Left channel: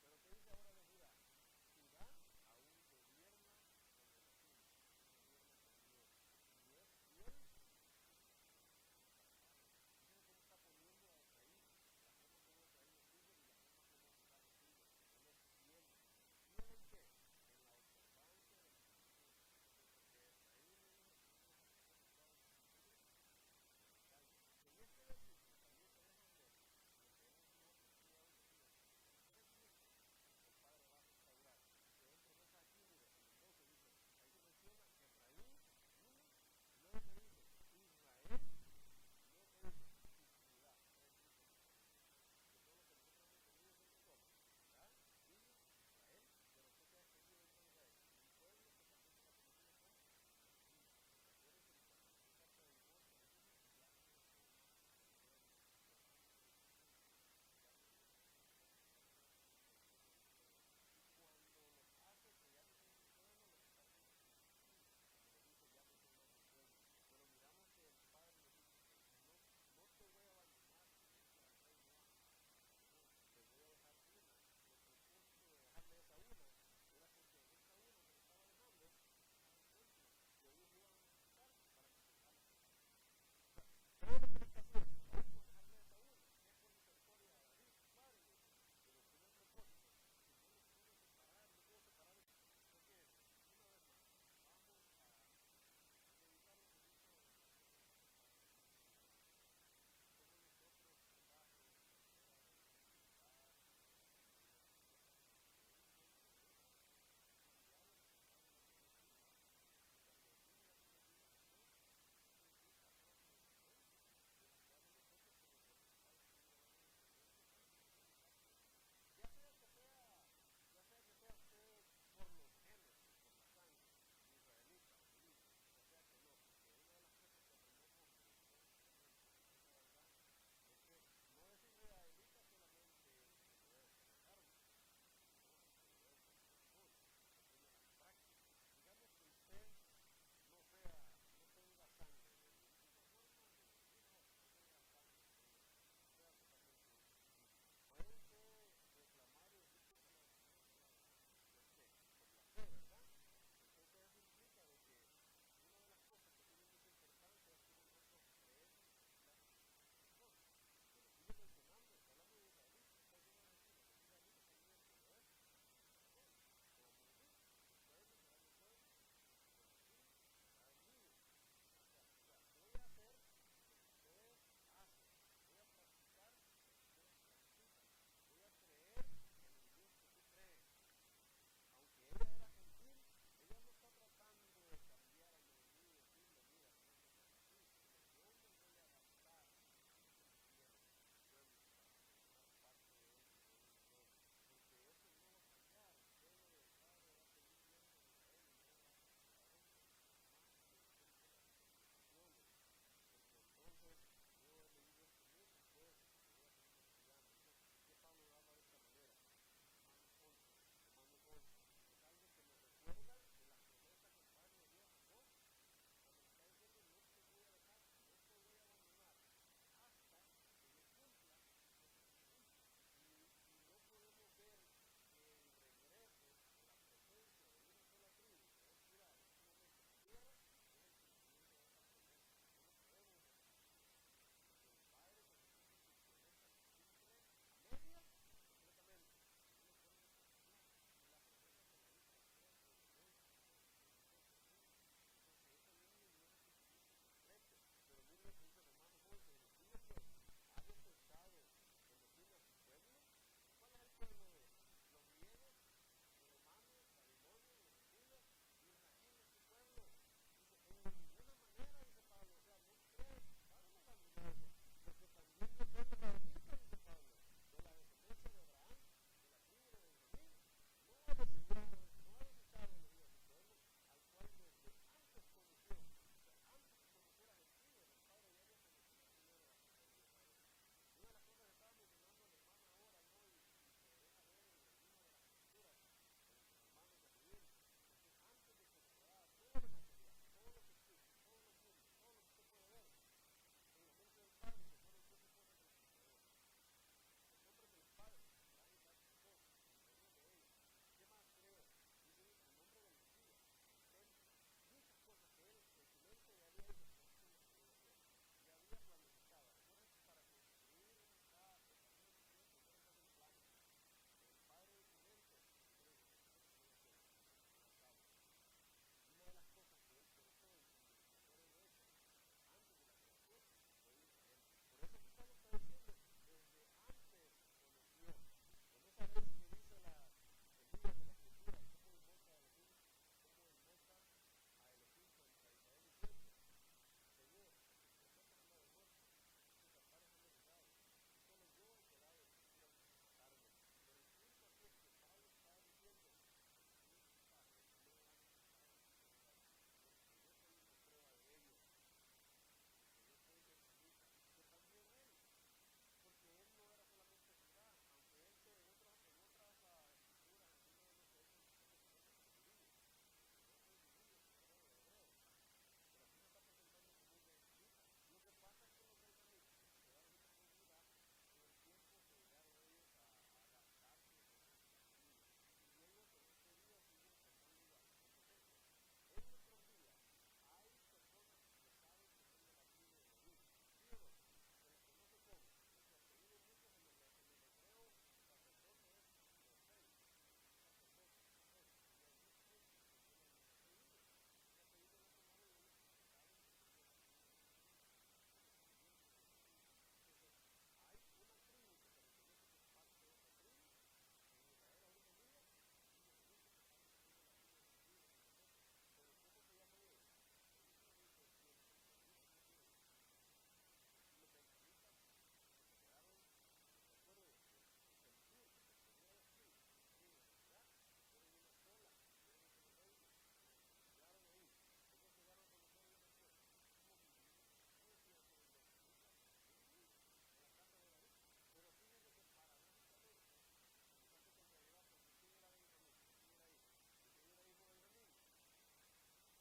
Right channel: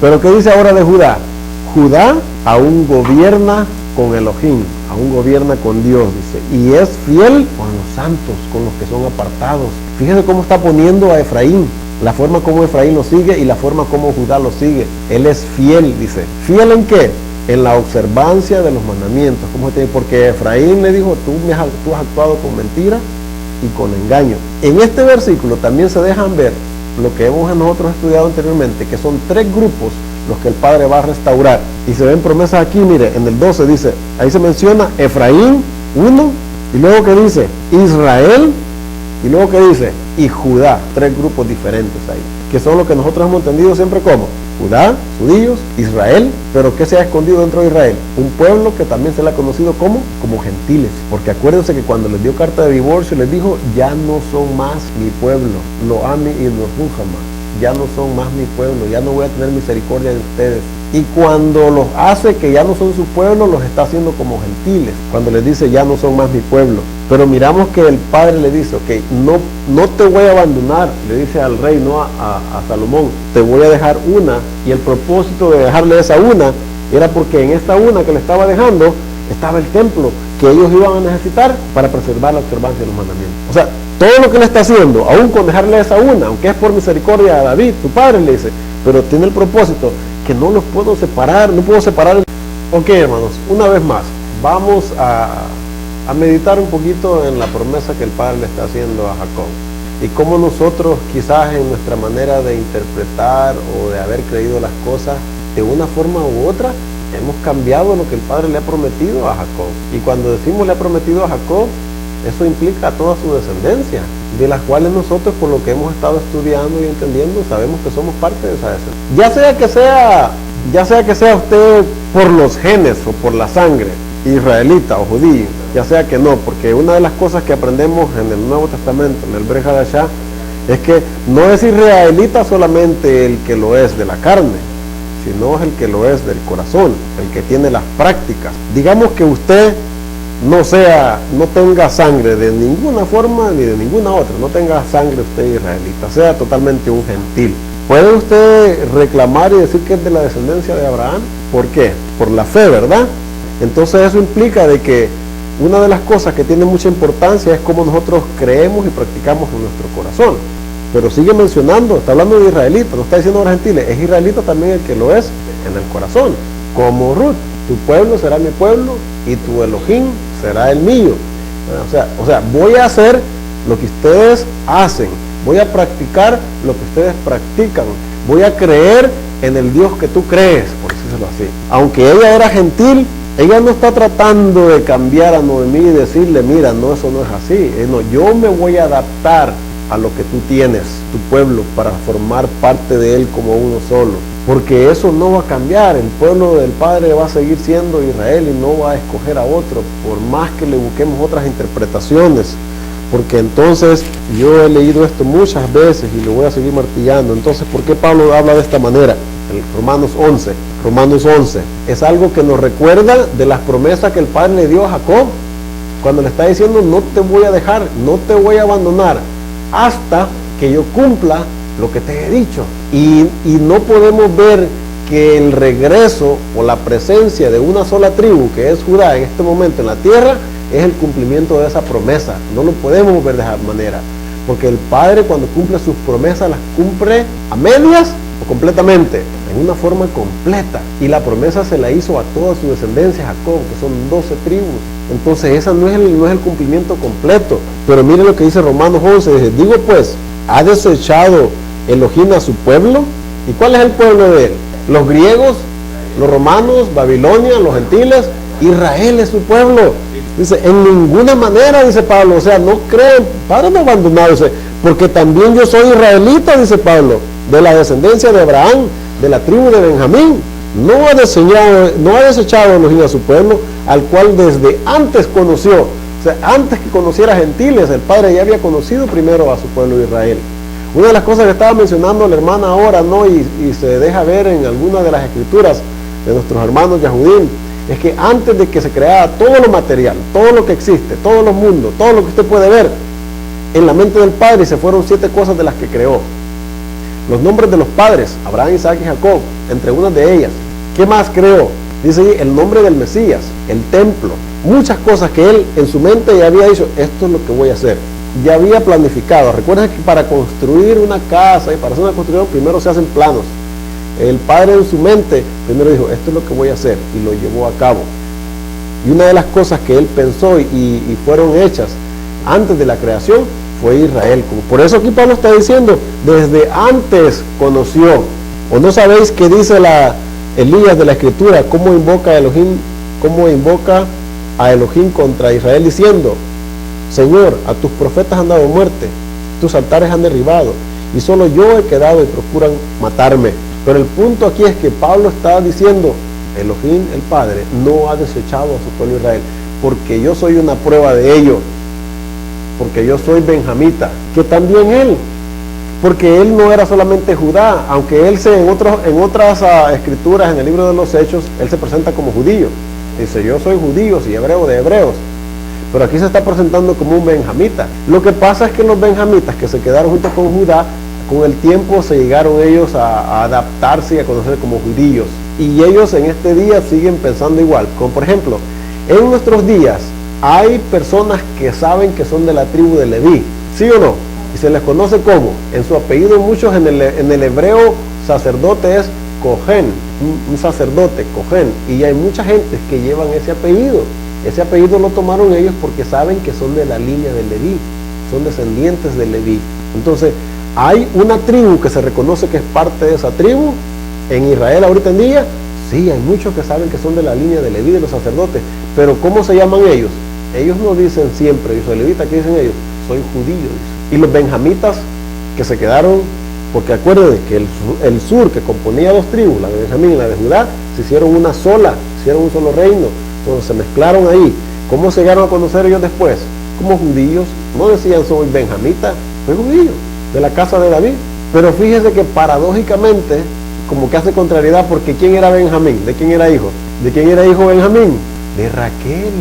Pero ¿qué dice ahora de Judá? Judá aún gobierna con Elohim, aún gobierna con Dios, dice, y es fiel con los santos, con los que son apartados. Fíjese cómo está poniendo a Efraín, la forma como Efraín lo sigue y la forma como Judá lo sigue. Él es fiel, dice. ¿Fiel en qué? En la observancia de los mandamientos. Porque Efraín le dijo, tú has actuado con mentira y con engaño. En este versículo también se dejan ver lo que hemos nosotros estudiado anteriormente, que son 3 grupos los que el Padre va a restaurar. Y se ven promesas aquí, mire, en el 12 dice, ahí se menciona Efraín, 1, y luego que dice Israel, y luego que dice y Judá, 3 grupos diferentes ahí, que son lo que nosotros hemos entendido siempre como Judá, judíos, Israel, pero ¿qué se ha escondido dentro de Israel? Un pueblo que también se le ha conocido como gentiles, porque acuérdense que cuando les dio carta de divorcio les dijo, ya no son más mi pueblo, lo ami y lo rujama, ya no son más mi pueblo, ya no voy a tener misericordia de ustedes. Y cuando los hace que ya no son su pueblo, los está haciendo como gentiles, cuando les dice ya no son más mi pueblo. Pero miramos que el Padre le dice, ok, no te voy a abandonar, le dice al rey, no a Salomón, te voy a dejar una, y el propósito de dejarle esa una, era porque en esta una que le estaba dejando, estaba el templo, que ellos iban a necesitar para preservar la observancia de los mandamientos. O sea, todo lo que le está haciendo, aún con dejarle esa una, aunque es por misericordia a David, tu padre le dice, pero tiene el propósito que no los puedo separar, no puedo separar. Ok, hermanos, una vez más, vamos a meditar un poquito en la promesa que el Padre le está haciendo a Jacob y cómo nosotros quizás en nuestra manera de interpretar o de haber creído las cosas de una forma u otra hemos cambiado lo que el Padre le ha prometido a Jacob. Y cuando decimos le ha prometido a Jacob, eso implica a toda su descendencia, de las cuales nosotros, por lo que hemos estado estudiando y entendiendo, sabemos que somos parte de esa descendencia. Ya sea que sea usted por los genes o por la sangre, israelita o judío, ya sea que no, porque una de las cosas que aprendemos en el Nuevo Testamento, en el Brit Hadashah, es que no es israelita solamente el que lo es de la carne, sino es el que lo es del corazón, el que tiene las prácticas. Digamos que usted no tenga sangre de ninguna forma ni de ninguna otra, no tenga sangre usted israelita, sea totalmente un gentil. ¿Puede usted reclamar y decir que es de la descendencia de Abraham? ¿Por qué? Por la fe, ¿verdad? Entonces eso implica de que una de las cosas que tiene mucha importancia es cómo nosotros creemos y practicamos en nuestro corazón. Pero sigue mencionando, está hablando de israelitas, no está diciendo de los gentiles, es israelita también el que lo es en el corazón, como Ruth, tu pueblo será mi pueblo y tu Elohim será el mío. O sea, voy a hacer lo que ustedes hacen, voy a practicar lo que ustedes practican, voy a creer en el Dios que tú crees, por decirlo así. Aunque ella era gentil, ella no está tratando de cambiar a Noemí y decirle, mira, no, eso no es así. No, yo me voy a adaptar a lo que tú tienes, tu pueblo, para formar parte de él como uno solo. Porque eso no va a cambiar, el pueblo del Padre va a seguir siendo Israel y no va a escoger a otro, por más que le busquemos otras interpretaciones. Porque entonces, yo he leído esto muchas veces y lo voy a seguir martillando. Entonces, ¿por qué Pablo habla de esta manera? El Romanos 11, es algo que nos recuerda de las promesas que el Padre le dio a Jacob, cuando le está diciendo, no te voy a dejar, no te voy a abandonar, hasta que yo cumpla lo que te he dicho. Y no podemos ver que el regreso o la presencia de una sola tribu, que es Judá en este momento en la tierra, es el cumplimiento de esa promesa. No lo podemos ver de esa manera, porque el Padre, cuando cumple sus promesas, las cumple a medias o completamente, en una forma completa. Y la promesa se la hizo a toda su descendencia, Jacob, que son 12 tribus. Entonces esa no es el cumplimiento completo. Pero mire lo que dice Romanos 11, dice, digo pues, ¿ha desechado Elohim a su pueblo? ¿Y cuál es el pueblo de él? Los griegos, los romanos, Babilonia, los gentiles. Israel es su pueblo. Dice, en ninguna manera, dice Pablo, o sea, no creen, Padre no abandonado, dice, porque también yo soy israelita, dice Pablo, de la descendencia de Abraham, de la tribu de Benjamín. No ha desechado Elohim a su pueblo, al cual desde antes conoció. O sea, antes que conociera gentiles, el Padre ya había conocido primero a su pueblo de Israel. Una de las cosas que estaba mencionando la hermana ahora, ¿no? Y se deja ver en algunas de las escrituras de nuestros hermanos Yahudim, es que antes de que se creara todo lo material, todo lo que existe, todos los mundos, todo lo que usted puede ver, en la mente del Padre se fueron 7 cosas de las que creó. los nombres de los padres, Abraham, Isaac y Jacob, entre unas de ellas. ¿Qué más creó? Dice ahí el nombre del Mesías, el templo, muchas cosas que él en su mente ya había dicho, esto es lo que voy a hacer. Ya había planificado. Recuerden que para construir una casa y para hacer una construcción primero se hacen planos. El padre en su mente primero dijo, esto es lo que voy a hacer, y lo llevó a cabo. Y una de las cosas que él pensó y fueron hechas antes de la creación fue Israel. Por eso aquí Pablo está diciendo, desde antes conoció. ¿O no sabéis qué dice Elías de la Escritura? ¿Cómo invoca a Elohim contra Israel diciendo, Señor, a tus profetas han dado muerte, tus altares han derribado, y solo yo he quedado y procuran matarme? Pero el punto aquí es que Pablo está diciendo, Elohim, el Padre, no ha desechado a su pueblo Israel, porque yo soy una prueba de ello, porque yo soy benjamita, que también él, porque él no era solamente Judá, aunque él en otras escrituras, en el libro de los Hechos, él se presenta como judío, dice, yo soy judío y hebreo de hebreos, pero aquí se está presentando como un benjamita. Lo que pasa es que los benjamitas que se quedaron junto con Judá, con el tiempo se llegaron ellos a adaptarse y a conocer como judíos, y ellos en este día siguen pensando igual, como por ejemplo, en nuestros días hay personas que saben que son de la tribu de Leví, ¿sí o no? Y se les conoce como, en su apellido muchos, en el hebreo sacerdote es Cohen, un sacerdote, Cohen, y hay mucha gente que llevan ese apellido lo tomaron ellos porque saben que son de la línea de Leví, son descendientes de Leví. Entonces, hay una tribu que se reconoce que es parte de esa tribu, en Israel ahorita en día, sí, hay muchos que saben que son de la línea de Leví, de los sacerdotes, pero ¿cómo se llaman ellos? Ellos no dicen siempre, yo soy levita, ¿qué dicen ellos? Soy judío, dicen. Y los benjamitas que se quedaron, porque acuérdense que el sur que componía dos tribus, la de Benjamín y la de Judá, se hicieron una sola, hicieron un solo reino, entonces se mezclaron ahí. ¿Cómo se llegaron a conocer ellos después? Como judíos, no decían soy benjamita, soy judío, de la casa de David. Pero fíjese que paradójicamente, como que hace contrariedad, porque ¿quién era Benjamín? ¿De quién era hijo? ¿De quién era hijo Benjamín? De Raquel.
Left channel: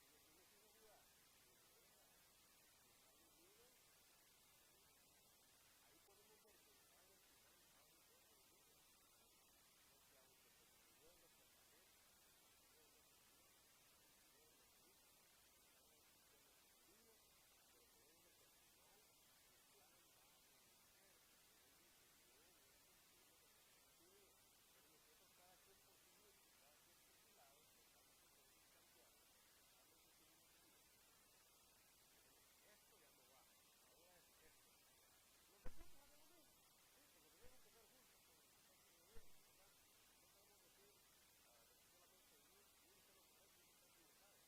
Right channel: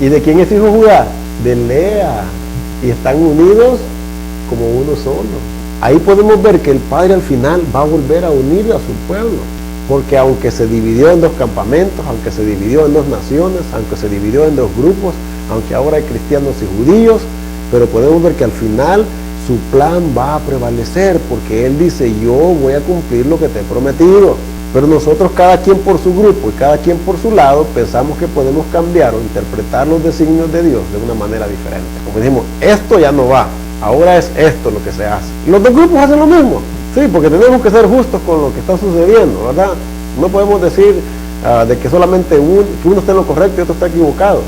¿Y de quién es hijo Judá? De Lea. Y están unidos como uno solo. Ahí podemos ver que el Padre al final va a volver a unir a su pueblo, porque aunque se dividió en dos campamentos, aunque se dividió en dos naciones, aunque se dividió en dos grupos, aunque ahora hay cristianos y judíos, pero podemos ver que al final su plan va a prevalecer, porque Él dice, yo voy a cumplir lo que te he prometido. Pero nosotros, cada quien por su grupo y cada quien por su lado, pensamos que podemos cambiar o interpretar los designios de Dios de una manera diferente. Como dijimos, esto ya no va, ahora es esto lo que se hace. Y los dos grupos hacen lo mismo, sí, porque tenemos que ser justos con lo que está sucediendo, ¿verdad? No podemos decir de que solamente que uno está en lo correcto y otro está equivocado.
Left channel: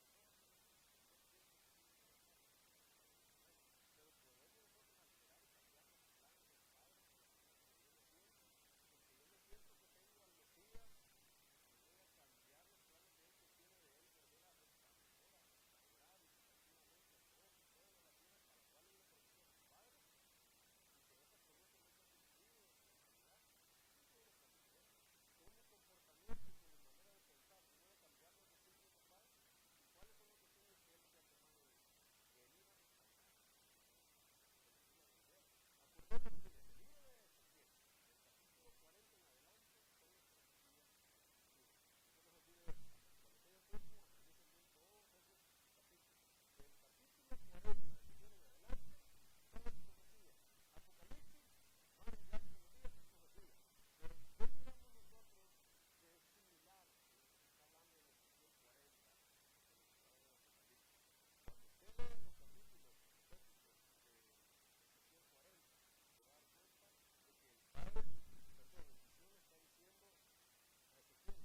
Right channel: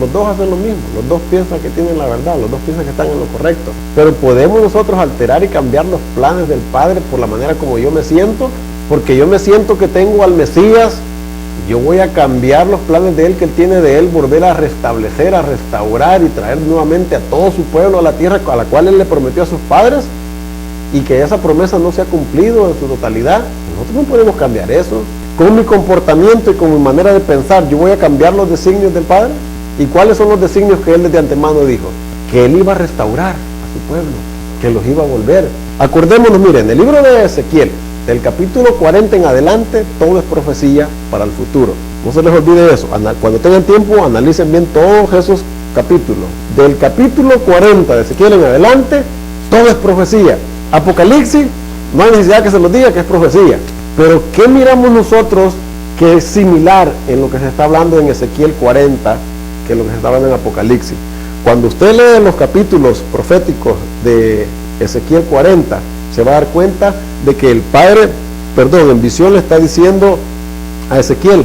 Los dos hacen lo mismo, los dos piensan que tienen la verdad, los dos piensan que están en lo correcto. Pero podemos nosotros alterar y cambiar los planes del Padre por la manera como yo me siento, porque yo me siento que tengo al Mesías, yo voy a cambiar los planes de Él, que Él tiene de Él, volver a restablecer, a restaurar y traer nuevamente a todo su pueblo a la tierra a la cual Él le prometió a sus padres, y que esa promesa no se ha cumplido en su totalidad. Nosotros no podemos cambiar eso. Con mi comportamiento y con mi manera de pensar, yo voy a cambiar los designios del Padre. ¿Y cuáles son los designios que Él desde antemano dijo? Que Él iba a restaurar a su pueblo, que los iba a volver. Acordémonos, miren, en el libro de Ezequiel, del capítulo 40 en adelante, todo es profecía para el futuro. No se les olvide eso. Cuando tengan tiempo, analicen bien todos esos capítulos. Del capítulo 40 de Ezequiel en adelante, todo es profecía. Apocalipsis, no hay necesidad que se los diga que es profecía. Pero ¿qué miramos nosotros que es similar en lo que se está hablando en Ezequiel 40 que lo que se está hablando en Apocalipsis? Cuando usted lee los capítulos proféticos de Ezequiel 40, se va a dar cuenta de que el Padre, en visión le está diciendo a Ezequiel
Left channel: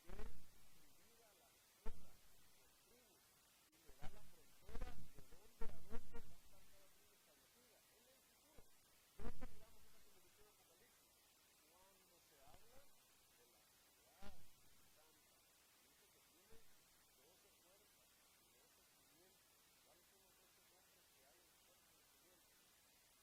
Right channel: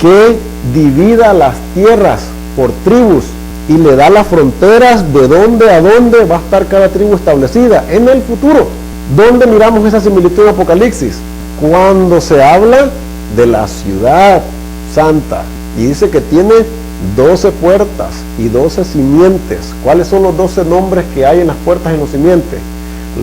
que divida las tierras por tribus y le da las fronteras de dónde a dónde va a estar cada tribu establecida en el futuro. ¿Dónde miramos esa similitud en Apocalipsis? Cuando se habla de la ciudad santa y dice que tiene 12 puertas y 12 simientes. ¿Cuáles son los 12 nombres que hay en las puertas y en los simientes?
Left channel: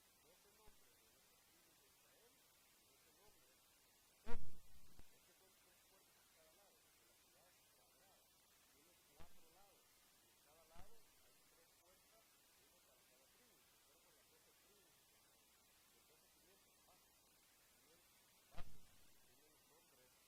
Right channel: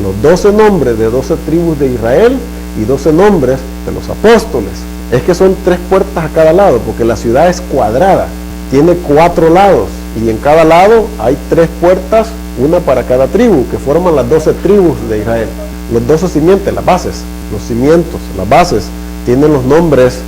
Los 12 nombres de 12 tribus de Israel y 12 nombres de los apóstoles. Es que son 3 puertas a cada lado, porque la ciudad es cuadrada, tiene 4 lados, y en cada lado hay 3 puertas, una para cada tribu, que forman las 12 tribus de Israel. los 12 simientes, las bases, los cimientos, las bases, tienen los nombres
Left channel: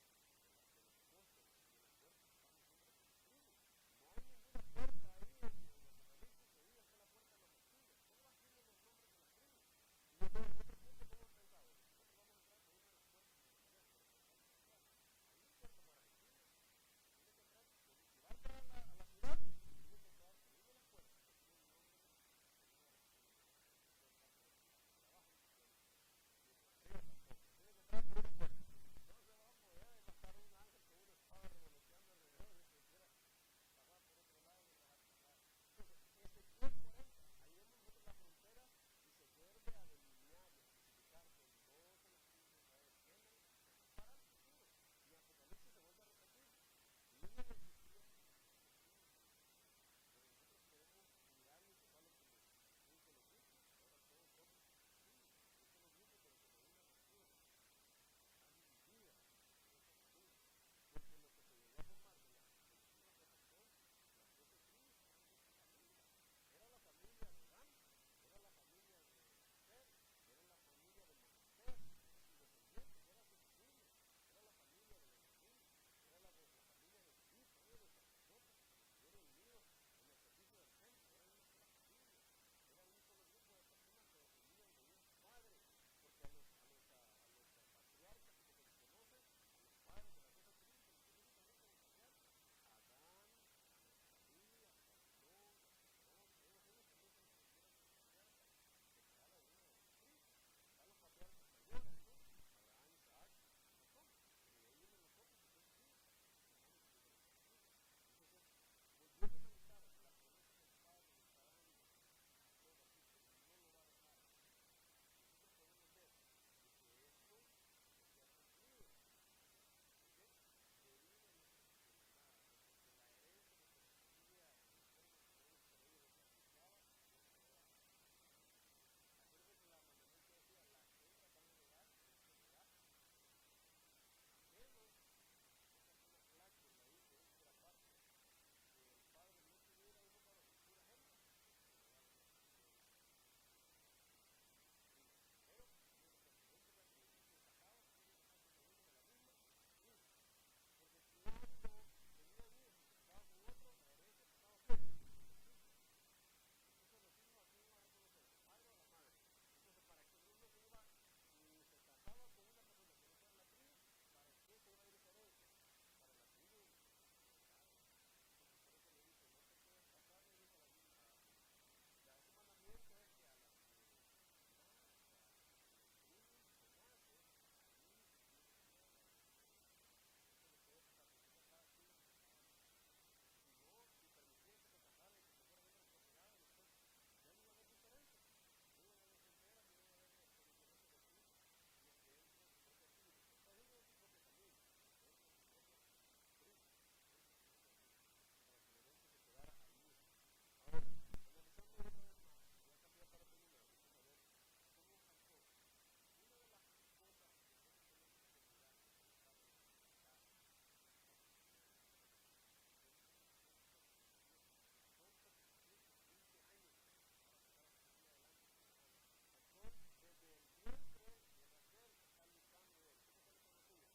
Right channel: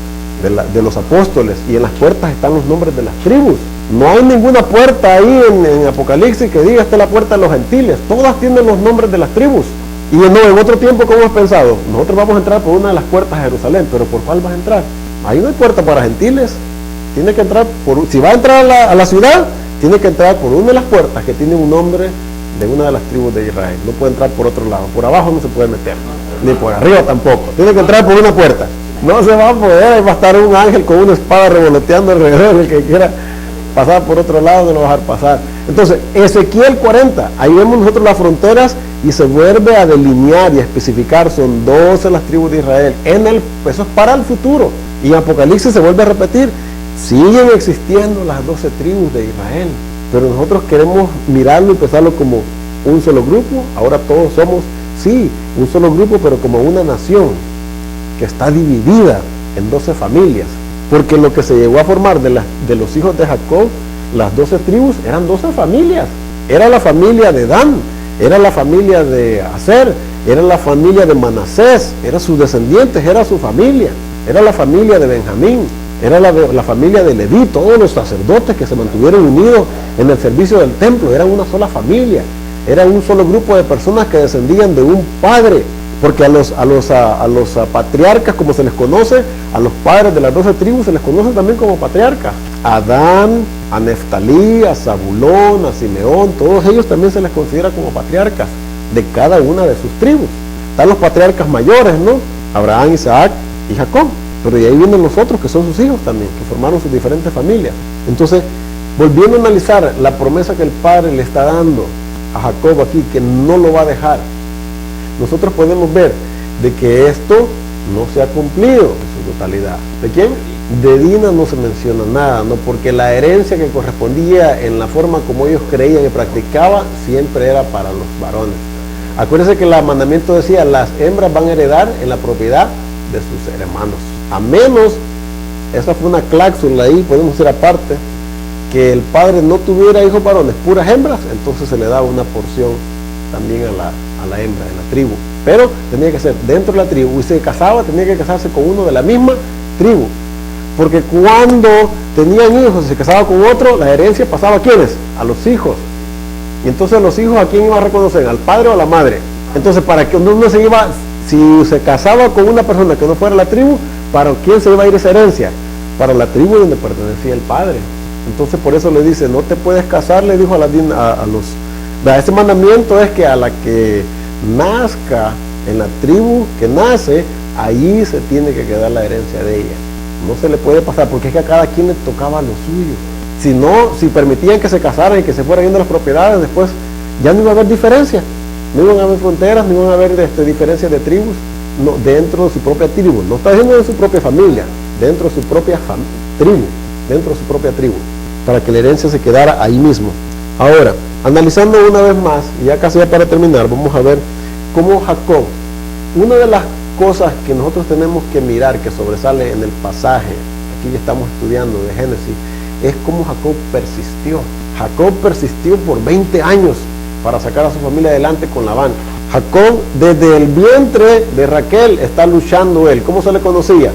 de los apóstoles, y en las puertas están los nombres de las tribus. No hay ninguna puerta ahí en Apocalipsis que diga esta es la puerta de los gentiles. Todas tienen los nombres de las tribus. Y no, en otro tiempo, ¿cómo has pensado? Nosotros vamos a entrar por una de las puertas de Jerusalén, pero ¿por cuál vas a entrar? Ahí no hay puerta para gentiles. Tiene que entrar si va a entrar a la ciudad, tiene que entrar por una de las puertas que tiene un nombre de una de las tribus de Israel. No puede entrar por otro lado. Por abajo no se puede meter, ni por arriba tampoco. Tiene que entrar por una puerta. No se va a poder, va a estar un ángel con una espada revoloteando alrededor. El que quiera pasar por otro lado no lo va a dejar pasar. Entonces, Ezequiel 40, ahí vemos nosotros las fronteras y se vuelve a delinear y a especificar, son 12 las tribus de Israel. Eso es para el futuro. Y en Apocalipsis se vuelve a repetir, siguen existiendo las 12 tribus de Israel, pero nosotros queremos mirarlo y pensarlo como un solo grupo. Ahora todos somos, sí, un solo grupo, pero como una nación que está dividida en 12 familias, porque lo que se llegó a formar de los hijos de Jacob, las 12 tribus, eran 12 familias. Era la familia de Dan, era la familia de Aser, era la familia de Manasés, eran sus descendientes, era su familia, era la familia de Benjamín, era la familia de Leví, todos los sacerdotes que se mantuvieron unidos en el servicio del templo, eran una sola familia, era un solo grupo de personas que descendían de un padre, porque a los patriarcas, como se les conoce, a los padres de las 12 tribus se les conoce también como patriarcas. A Dan, a Neftalí, a Zabulón, a Simeón, todos ellos también se les considera como patriarcas de cada una de sus tribus. Están los patriarcas mayores, ¿no? Abraham, Isaac y Jacob. Pero de ahí vienen los otros que son sus hijos también, que formaron sus diferentes familias. Entonces, volviendo a analizar la promesa que el Padre le está dando a Jacob aquí, que no lo va a dejar, nosotros podemos ver de que esto no se ha cumplido en su totalidad. ¿De quién? De Dina no se menciona nada, ¿no? Porque la herencia que correspondía en la forma como ellos creían y practicaban siempre era para los varones. Acuérdense que el mandamiento decía, las hembras van a heredar en la propiedad de sus hermanos. A menos, esa fue una cláusula ahí, podemos decir aparte, que el padre no tuviera hijos varones, puras hembras, entonces se le daba una porción también a la hembra de la tribu. Pero tenía que ser dentro de la tribu, y si se casaba, tenía que casarse con uno de la misma tribu. Porque cuando tenían hijos y se casaba con otro, la herencia pasaba ¿a quiénes? A los hijos. Y entonces los hijos, ¿a quién iba a reconocer? ¿Al padre o a la madre? Entonces, para que uno se iba, si se casaba con una persona que no fuera la tribu, ¿para quién se iba a ir esa herencia? Para la tribu donde pertenecía el padre. Entonces, por eso le dice, no te puedes casar, le dijo ese mandamiento es que a la que nazca en la tribu que nace, ahí se tiene que quedar la herencia de ella. No se le puede pasar, porque es que a cada quien le tocaba lo suyo. Si no, si permitían que se casaran y que se fueran yendo las propiedades, después ya no iba a haber diferencia. No iban a haber fronteras, no iban a haber diferencias de tribus dentro de su propia tribu. No está diciendo de su propia familia, dentro de su propia tribu, dentro de su propia tribu, para que la herencia se quedara ahí mismo. Ahora, analizando una vez más, y ya casi para terminar, vamos a ver cómo Jacob, una de las cosas que nosotros tenemos que mirar, que sobresale en el pasaje, aquí ya estamos estudiando de Génesis, es cómo Jacob persistió. Jacob persistió por 20 años para sacar a su familia adelante con Labán. Jacob, desde el vientre de Raquel, está luchando él. ¿Cómo se le conocía?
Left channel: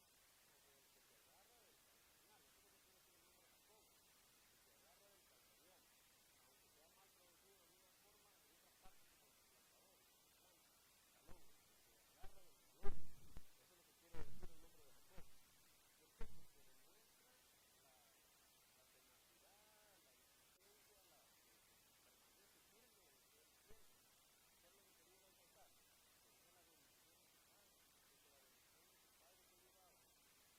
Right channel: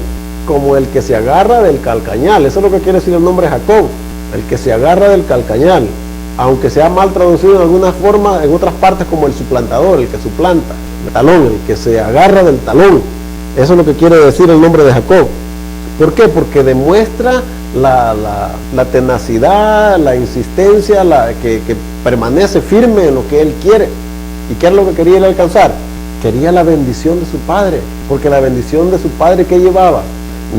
Como el que se agarra del calcañal. Eso es lo que quiere decir el nombre Jacob, el que se agarra del calcañal. Aunque sea mal traducido en alguna forma, en otras partes como el suplantador, el que suplanta, el talón, el que se agarra del talón. Eso es lo que quiere decir el nombre de Jacob. ¿Por qué? Porque demuestra la tenacidad, la insistencia, que permanece firme en lo que él quiere. ¿Y qué es lo que quería él alcanzar? Quería la bendición de su padre, porque la bendición de su padre, ¿qué llevaba?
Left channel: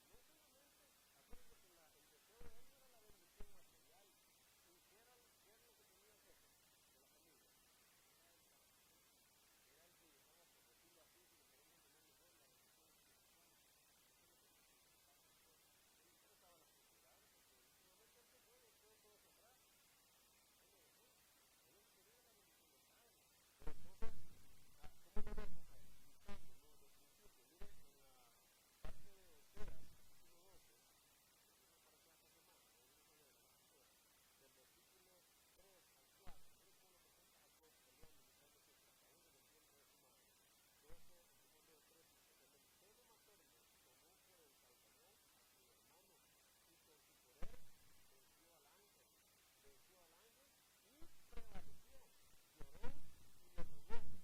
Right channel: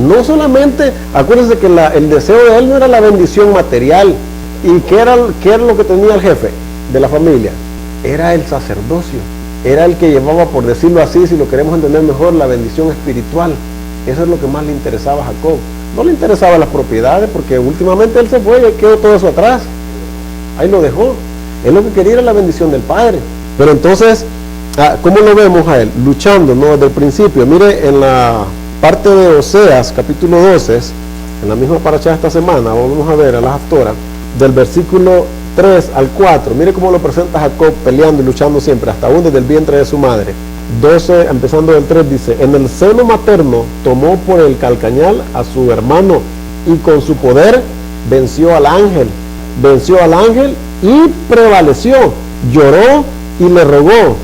No solamente, acuérdense que el deseo de él no era la bendición material. ¿Y qué era lo que tenía el jefe de la familia? Era el sacerdocio. Era el que llevaba, por decirlo así, si lo queremos entender mejor, la bendición espiritual. Eso es lo que más le interesaba a Jacob. No le interesaban las propiedades, porque últimamente él se fue y quedó todo eso atrás. Ahí lo dejó. Él lo que quería era la bendición del Padre. Pero entonces, ¿cómo lo vemos a él? Luchando, ¿no? Desde el principio. Mire, en la parte de Oseas, capítulo 12, en la misma paracha de esta semana, vamos a ver a las Haftorah, del versículo 3 al 4, mire cómo lo presenta Jacob peleando y luchando siempre, hasta aún desde el vientre de su madre. 12, empezando del 3, dice: en el seno materno tomó por el calcañal a su hermano y con su poder venció al ángel y prevaleció, lloró y le rogó.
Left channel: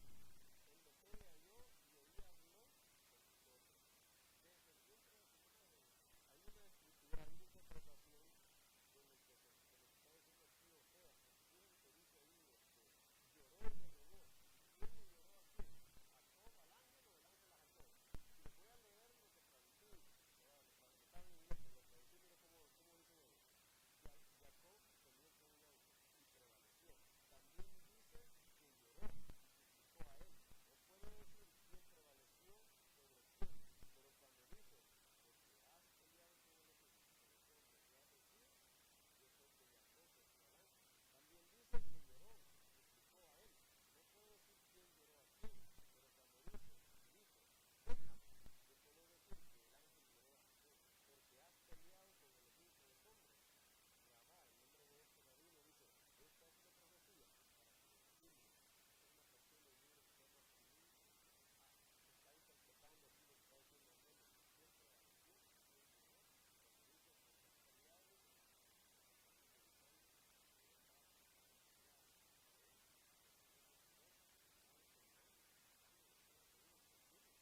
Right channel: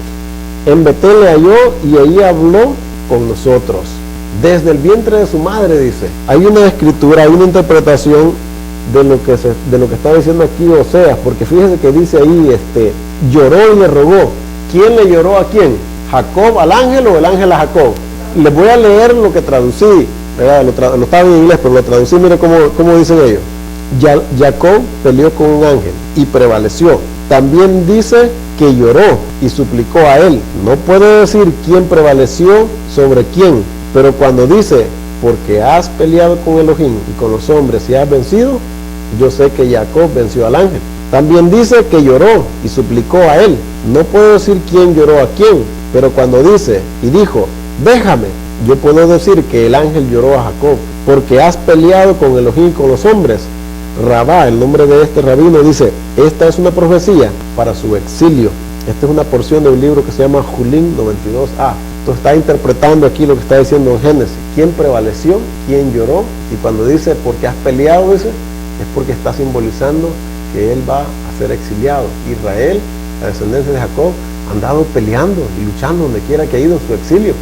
En Betel le halló y ahí habló con nosotros. Desde el vientre de su madre, dice. Hay una escritura, hay una interpretación de lo que está diciendo aquí Oseas, porque fíjese que dice ahí, lloró y le rogó. ¿Quién le lloró a quién? ¿Jacob al ángel o el ángel a Jacob? Les voy a leer lo que traducí, lo estaba en inglés, pero lo traducí, mire cómo dicen ellos. Jacob peleó con un ángel y prevaleció. También dice que lloró y suplicó a él. No puede decir quién prevaleció sobre quién, pero cuando dice, porque has peleado con Elohim y con los hombres y has vencido, yo sé que Jacob venció al ángel. También dice que lloró y suplicó a él. No puedo decir quién lloró a quién, pero cuando dice y dijo, déjame, yo puedo decir que el ángel lloró a Jacob, porque has peleado con Elohim y con los hombres. Rabá, el nombre de este rabino, dice, esta es una profecía para su exilio. Esta es una porción de un libro que se llama Julín 92a. Entonces está interpretando aquí lo que está diciendo en Génesis. ¿Quién prevaleció? ¿Quién lloró? Y cuando dice, porque has peleado, dice, es porque está simbolizando que él va a ser exiliado. Israel, la descendencia de Jacob, ha andado peleando y luchando donde quiera que ha ido en su exilio.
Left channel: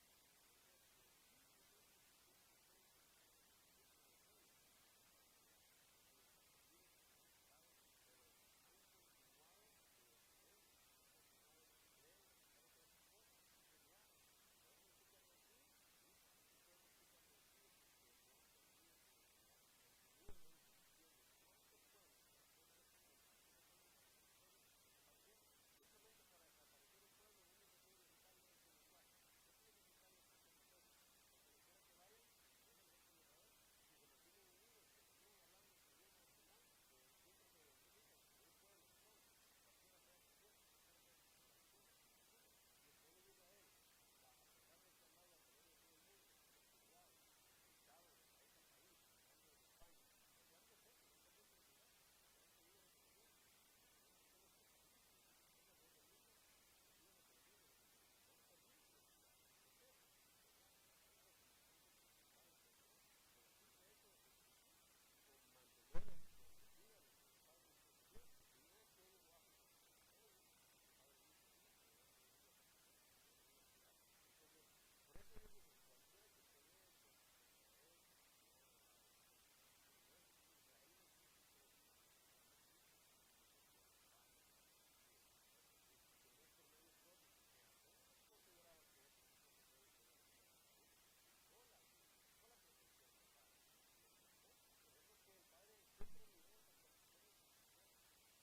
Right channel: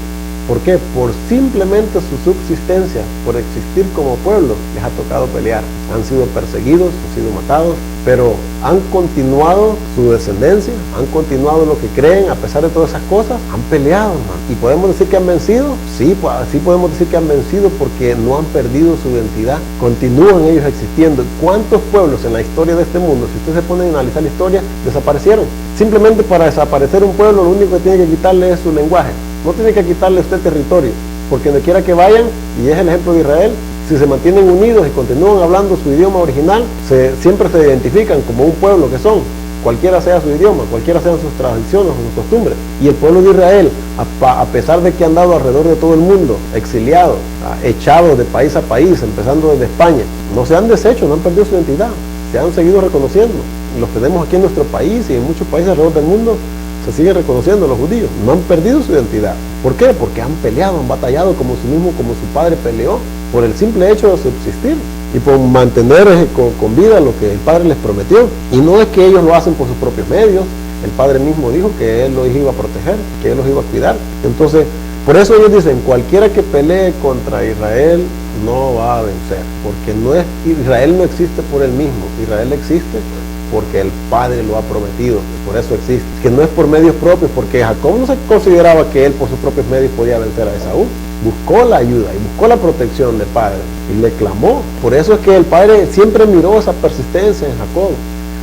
¿Por qué? Por simplemente su subsistencia, por existir como pueblo, les ha tocado pelear. Han sido perseguidos, han sido matados, pero han continuado su descendencia, han continuado lo que creen, a pesar de todas esas cosas, han peleado, hermano. ¿Y podemos decir que han vencido? Sí, sí podemos decir que han vencido porque no han perdido su identidad, continúan ellos existiendo. ¿Cuántos pueblos en la historia de este mundo, si ustedes se ponen a analizar la historia, desaparecieron? Simplemente para desaparecer un pueblo, lo único que tiene que quitarle es su lenguaje. No tiene que quitarle usted territorio, porque donde quiera que vayan, y es el ejemplo de Israel, si se mantienen unidos y continúan hablando su idioma original, siempre se identifican como un pueblo que son, cualquiera sea su idioma, cualquiera sean sus tradiciones o sus costumbres. Y el pueblo de Israel, a pesar de que han dado alrededor de todo el mundo, exiliados, echados de país a país, empezando desde España, no se han deshecho, no han perdido su identidad, se han seguido reconociendo. Los tenemos aquí en nuestro país y en muchos países alrededor del mundo. Se siguen reconociendo los judíos, no han perdido su identidad. ¿Por qué? Porque han peleado, han batallado como su padre peleó, por el simple hecho de subsistir y por mantener con vida lo que el padre les prometió. Y no es que ellos lo hacen por sus propios medios, el padre mismo dijo que él los iba a proteger, que él los iba a cuidar. Entonces, por eso ellos dicen, cualquiera que pelee contra Israel no va a vencer, porque Israel no existe por él mismo, Israel existe porque el Padre lo ha prometido, por eso existe, que no es por medios propios, porque Jacob no se consideraba que él por sus propios medios podía vencer a Esaú, buscó la ayuda y buscó la protección del Padre y le clamó. Por eso es que el Padre siempre miró esa persistencia en Jacob,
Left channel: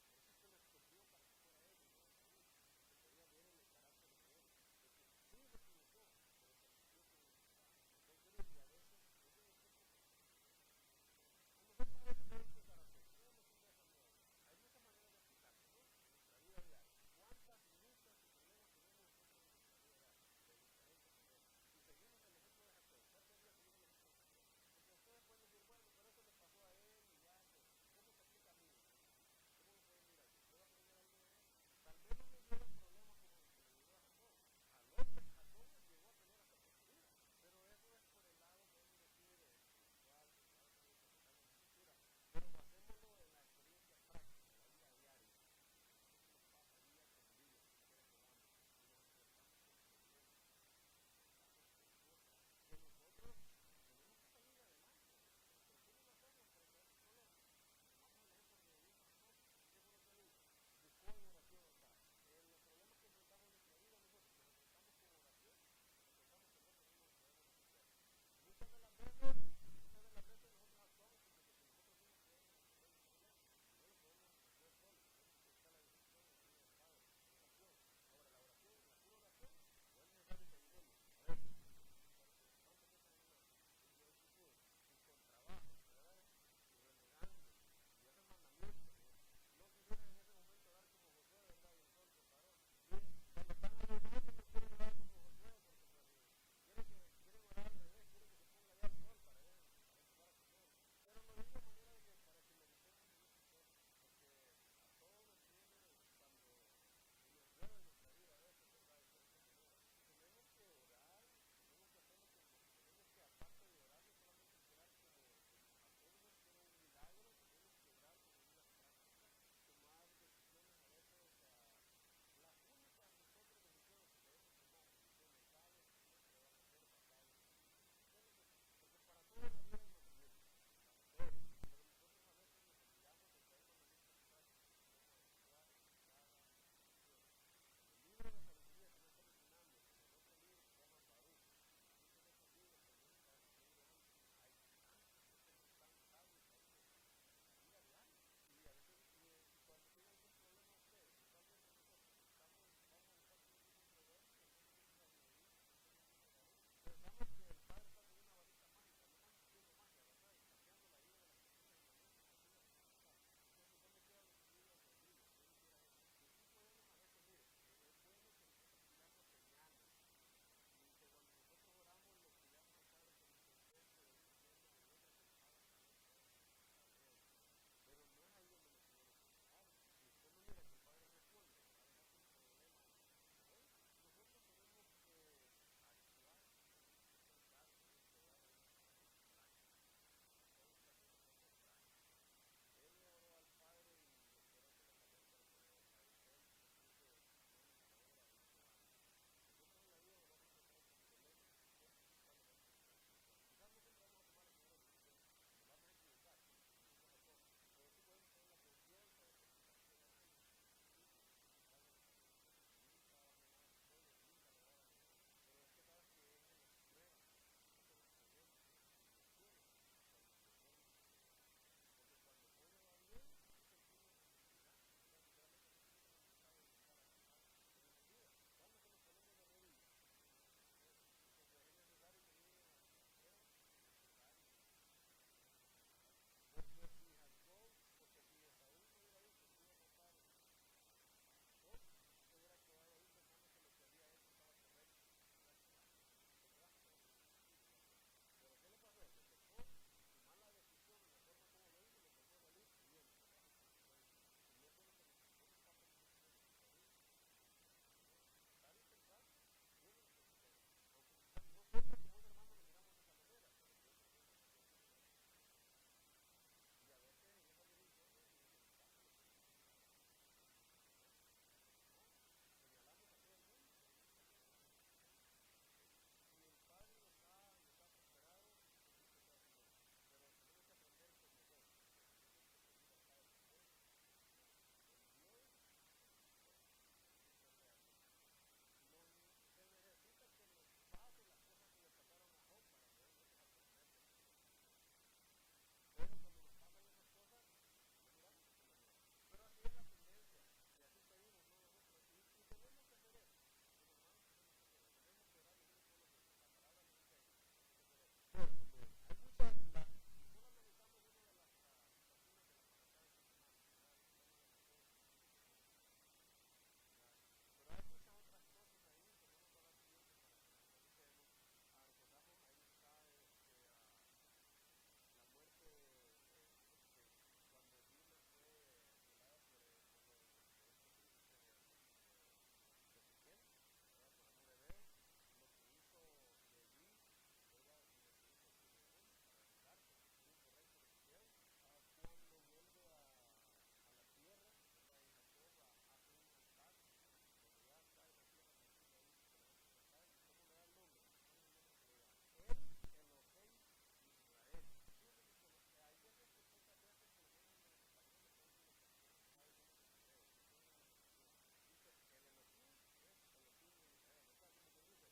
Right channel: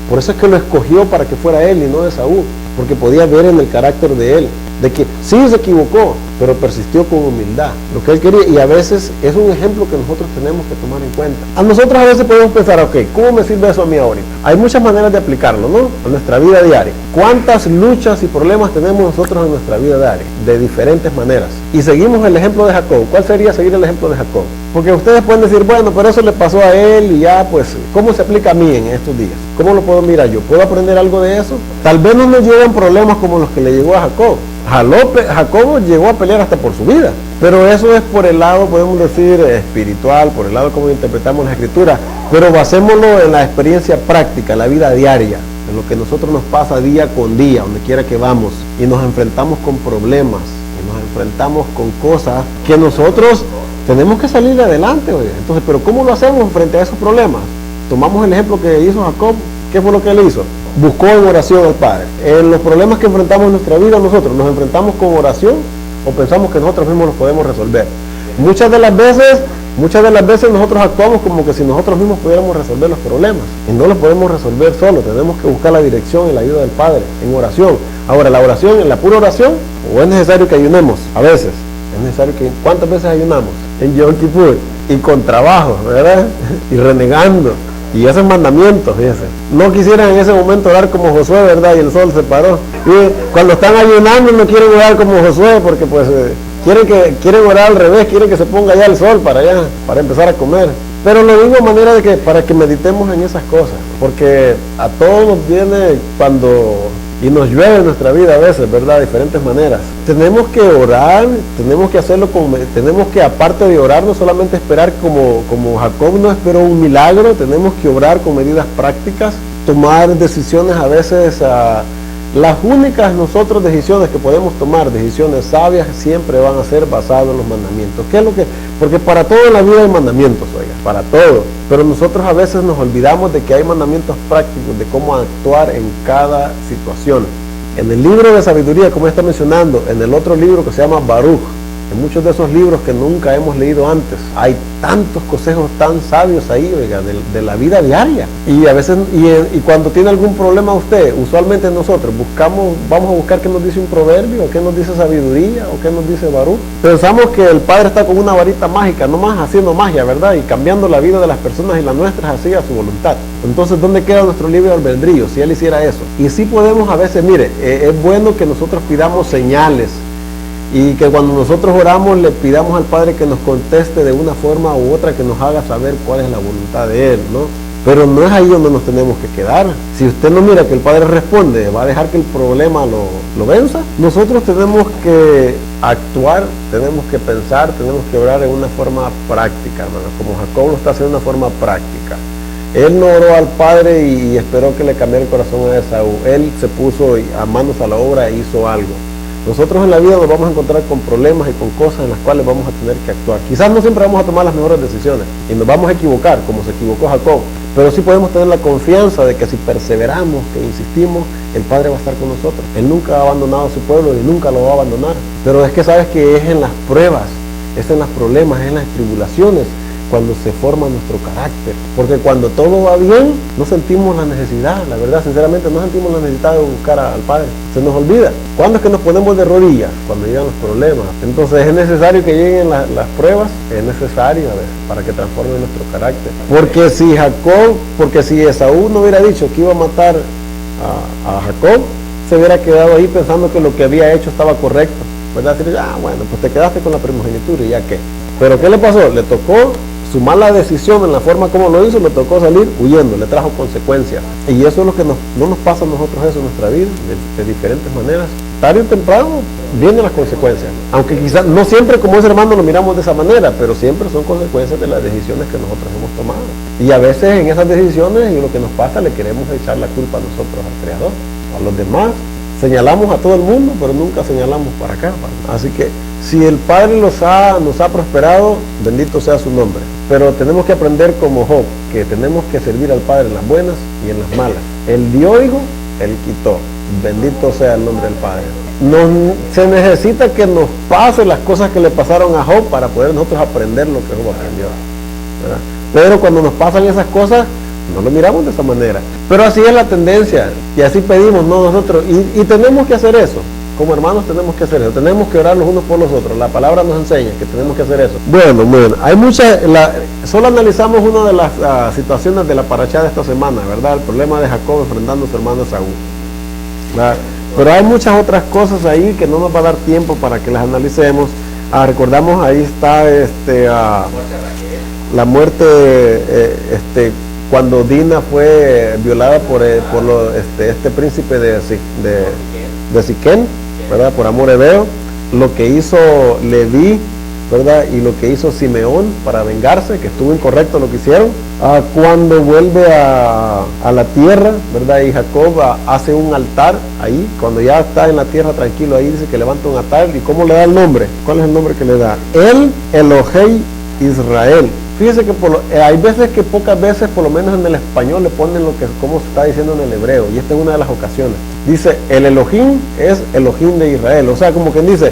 por eso es que lo escogió para que fuera él y no Esaú, porque podía ver en el carácter de él, de que sí se equivocó, pero persistió con humildad, lo que él quería. Y a veces es un ejemplo que nosotros tenemos que tomar en cuenta. A nosotros a veces podemos pensar, ok, ¿cómo me sirve eso a mí ahorita? Hay muchas maneras de aplicarlo, ¿no? A nuestra vida diaria. ¿Cuántas luchas y problemas tenemos nosotros en nuestra vida diaria? De diferentes maneras. Y seguimos el ejemplo de Jacob. ¿Cuál sería seguir el ejemplo de Jacob? Porque ustedes pueden decir, bueno, pero eso le pasó a él y ya, pues, ¿cómo se aplica a mí en estos días? ¿Cómo lo puedo mirar yo? ¿Puedo aprender algo de eso? Tal vez no nos lleven problemas como los que le llegó a Jacob. Jacob llegó a pelear hasta por su vida, pero eso es por el lado, podemos decir, espiritual, por el lado como interpretamos la escritura, pero basémoslo en la experiencia práctica, la vida diaria, en lo que nosotros nos pasa día con día, donde quiera que vamos, y nos enfrentamos con problemas, y nos enfrentamos con cosas que nosotros tenemos que salir adelante, oye. Entonces, pero ¿cómo lo hacemos frente a esos problemas? Tomamos el ejemplo que hizo Jacob. ¿Qué fue lo que él hizo? Buscó en oración al Padre. En los problemas que enfrentamos en nuestra vida nosotros, ¿nos enfrentamos con oración o pensamos que nosotros mismos los podemos resolver? Muchas de las veces nosotros actuamos como que si nosotros mismos pudiéramos resolver los problemas. Y no los podemos resolver solos, tenemos que buscar la dirección y la ayuda del Padre en oración. Ahora, la oración, en la pura oración, o es necesario que ayunemos, a veces. Es necesario que, ¿cuántas veces ayunamos? En Yom Kippur, y con trabajo, ¿verdad? Y renegando. Y esos mandamientos, fíjense. No quisieran en ese momento orar como Josué, ¿verdad? Y el sol se paró. Y cuando están ayunando no quieren orar como Josué porque pues quieren orar al revés, quieren que se ponga ya el sol para empezar a comer. Pero lo digo de manera de que para que meditemos en esas cosas, porque a todos nos viene cuando y nos llueve en nuestra vida a veces, ¿verdad? De diferentes maneras. Tenemos que orar, tenemos que hacerlo tenemos que, aparte de orar, no solamente esperar como Jacob no esperó un milagro, tenemos que orar con medidas prácticas, tomar decisiones a veces, las únicas nosotros decisiones que podemos tomar, decisiones sabias, siempre van a ser basadas en los mandamientos. ¿Qué es lo que? Porque para todo en la vida hay mandamientos, oiga, para todo. Pero nosotros a veces nos olvidamos de que hay mandamientos prácticos de cómo actuar en cada situación. En el libro de sabiduría, como está mencionando, en el otro libro que se llama Baruch, en muchos de esos libros que nunca hemos leído antes, hay tantos consejos tan sabios ahí, oiga, de la vida diaria. Y a veces, y cuando tiene algún problema usted, usualmente nosotros vamos a buscar qué nos dice un proverbio, o qué nos dice sabiduría, o qué nos dice Baruch. Pensamos que el Padre está con una varita mágica, nomás haciendo magia, ¿verdad? Y cambiando la vida de las personas y las nuestras así a su voluntad. Entonces, ¿dónde queda nuestro libre albedrío si Él hiciera eso? Y sí podemos a veces, mire, es bueno que nosotros pidamos señales, y que cuando nosotros oramos le pidamos al Padre que nos conteste de una forma u otra, que nos haga saber cuál es la voluntad de Él, ¿no? Pero no es ahí donde nos tenemos que quedar. Si usted no mira que el Padre responde, va a dejar que el problema lo venza. Nosotros tenemos que actuar, tenemos que pensar, tenemos que orar en una forma práctica, hermano, como Jacob lo está haciendo de una forma práctica. Él no oró al Padre y esperó que le cambiara el corazón a Esaú. Él se puso a manos a la obra e hizo algo. Nosotros en la vida nos vamos a encontrar con problemas y con cosas en las cuales vamos a tener que actuar. Quizás no siempre vamos a tomar las mejores decisiones y nos vamos a equivocar, como se equivocó Jacob, pero sí podemos tener la confianza de que si perseveramos, que insistimos, el Padre va a estar con nosotros. Él nunca ha abandonado a su pueblo y nunca lo va a abandonar. Pero es que sabes que es en las pruebas, es en los problemas, es en las tribulaciones cuando se forma nuestro carácter, porque cuando todo va bien no sentimos la necesidad, la verdad, sinceramente no sentimos la necesidad de buscar al Padre, se nos olvida. ¿Cuándo es que nos ponemos de rodillas? Cuando llegan los problemas. Entonces es necesario que lleguen las pruebas, es necesario a ver, para que transformen nuestro carácter, porque si Esaú no hubiera dicho que iba a matar a Jacob, se hubiera quedado ahí pensando que lo que había hecho estaba correcto, ¿verdad? Decir, bueno, pues te quedaste con la primogenitura y ya qué. Pero ¿qué le pasó? Le tocó su mala decisión en la forma como lo hizo, le tocó salir huyendo, le trajo consecuencias. Y eso es lo que no nos pasa a nosotros eso en nuestra vida, de diferentes maneras. Tarde o temprano vienen las consecuencias. Aunque quizás no siempre como ese hermano lo miramos de esa manera, pero siempre son consecuencias de las decisiones que nosotros hemos tomado. Y a veces en esas decisiones y lo que nos pasa le queremos echar la culpa a nosotros, al Creador, a los demás. Señalamos a todo el mundo, pero nunca señalamos para acá. Así que si el Padre nos ha prosperado, bendito sea su nombre. Pero tenemos que aprender como Job, que tenemos que servir al Padre en las buenas y en las malas. Él dio, hijo, Él quitó. Bendito sea el nombre del Padre. Se necesita que nos pase las cosas que le pasaron a Job para poder nosotros aprender lo que Job aprendió, ¿verdad? Pero cuando nos pasan esas cosas, no lo miramos de esa manera. Pero así es la tendencia, y así pedimos, ¿no? Nosotros, y tenemos que hacer eso. Como hermanos tenemos que hacer eso, tenemos que orar los unos por los otros. La palabra nos enseña que tenemos que hacer eso. Bueno, hay muchas, solo analizamos una de las situaciones de la parashá de esta semana, ¿verdad? El problema de Jacob enfrentando a su hermano Esaú, ¿verdad? Pero hay muchas otras cosas ahí que no nos va a dar tiempo para que las analicemos. Recordamos, ahí está la muerte, cuando Dina fue violada por este príncipe de Siquén, ¿verdad? Por amor hebeo, lo que hizo Leví, ¿verdad? Y lo que hizo Simeón para vengarse, que estuvo incorrecto lo que hicieron. Cuando vuelve a la tierra, ¿verdad? Y Jacob hace un altar ahí, cuando ya está en la tierra tranquilo, ahí dice que levanta un altar. ¿Y cómo le da el nombre? ¿Cuál es el nombre que le da? El Elohei Israel. Fíjese que hay veces que pocas veces, por lo menos en el español, le ponen como se está diciendo en el hebreo, y esta es una de las ocasiones. Dice, el Elohim es Elohim de Israel, o sea, como quien dice,